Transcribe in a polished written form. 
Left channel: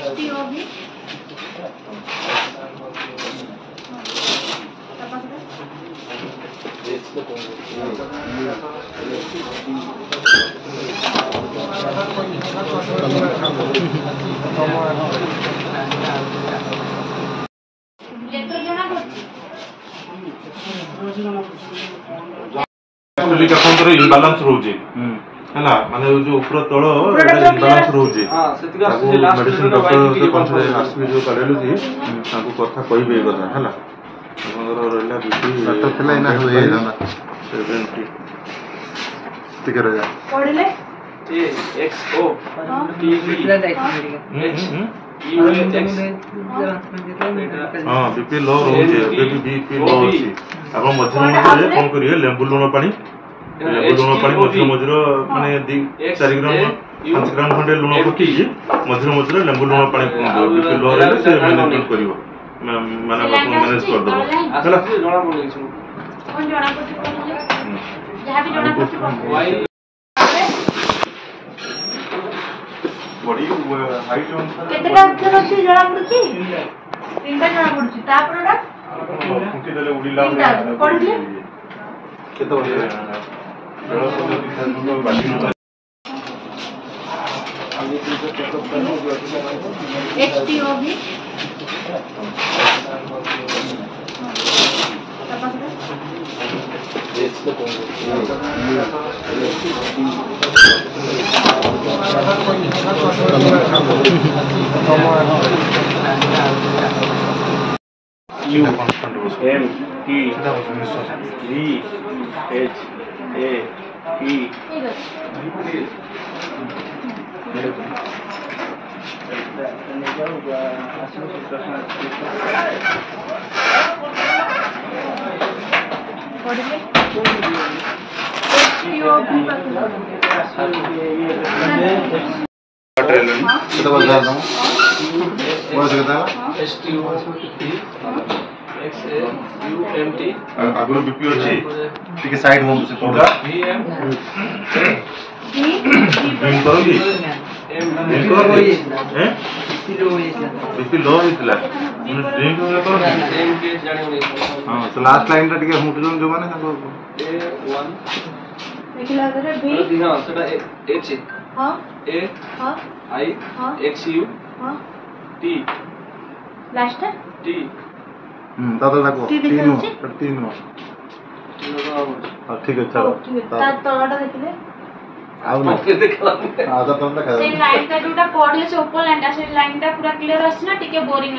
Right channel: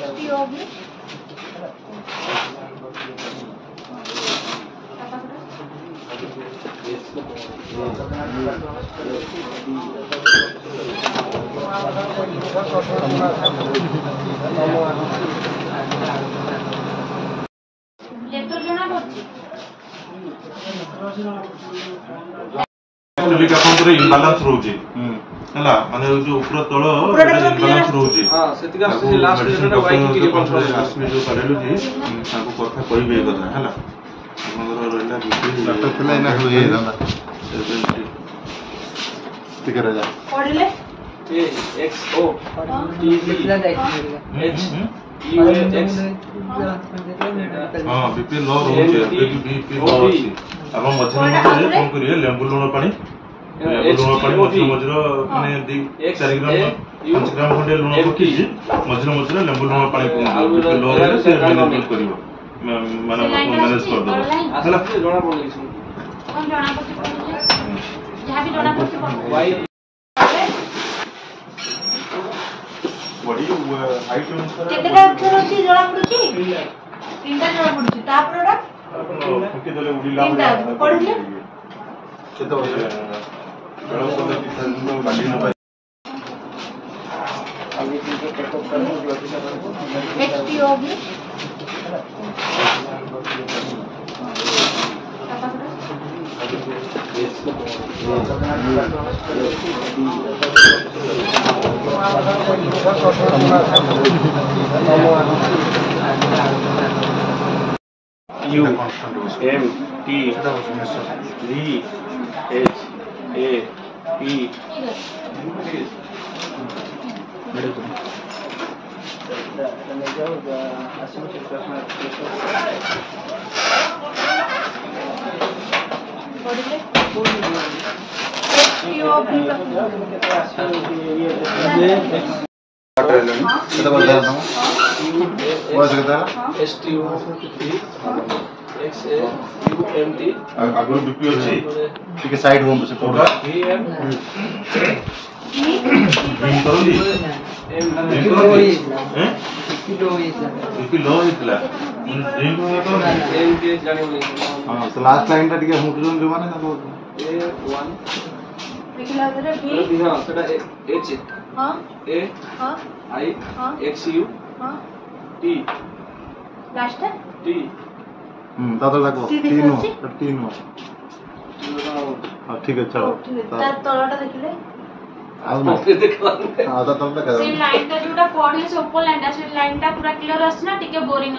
HTO भी लिक account रे imbalance रहउची हला माने जो ऊपर तळ इम्बैलेंस रहउची हां सेतिका लास्ट डॉक्टर के पास लास्ट में जो कार्डियोलॉजी ताको कथा कहबे कथा हला हमर रहला बीपी डॉक्टर थला इना होए जंदा 70 ठीक रह जा पढले ए X O T T H हां बीपी लो रहउची बीपी लो अछि आपण मझिर मझिर फोन करियो लेंबू लूण पानी मझिर मझिर माने 4 ग्राम 5 ग्राम खंडे लूण पकी मझिर मझिर लेंबू लूण पानी बीपी लो रहले से मैनेज करियो माने मैनेज कर दो हला जणा पड़ले कोन जणा पड़छ जहां भी जणा पड़छ वाई बॉडी हाइट अनुसार केतेटा अक्षर अछि जणा पड़छ तीनटा जणा पड़छ ता प्रोडक्ट फुके देले उडीला पढले केते वर्ष जणा पड़छ कितना बाडी मोबाइल HTO भी U M T V H A P पढले HTO भी केते वर्ष आप बहुत केते S T O X A U M T आगुर बीपी अछि ठीक साइड होम से पूरा V M ड्रिंक करली हैं बीपी लो हितला माने ड्रिंक होया करली M T जाने होई हां तो लास्ट लाइन ता टिके हुटजन जो माने ताको A1 लिखला रे भी हां सेटा H हां A हां I हां X U हां T लास्ट T दादा ताको तीन हां ठीक है चलो ता तळटा देखले आउ देखला आधा तळटा से लाइन का जोटा पढले से ऊपर लाइन ता से लाइन ता पूरा क्लियर अछि ना टिके बोरिंग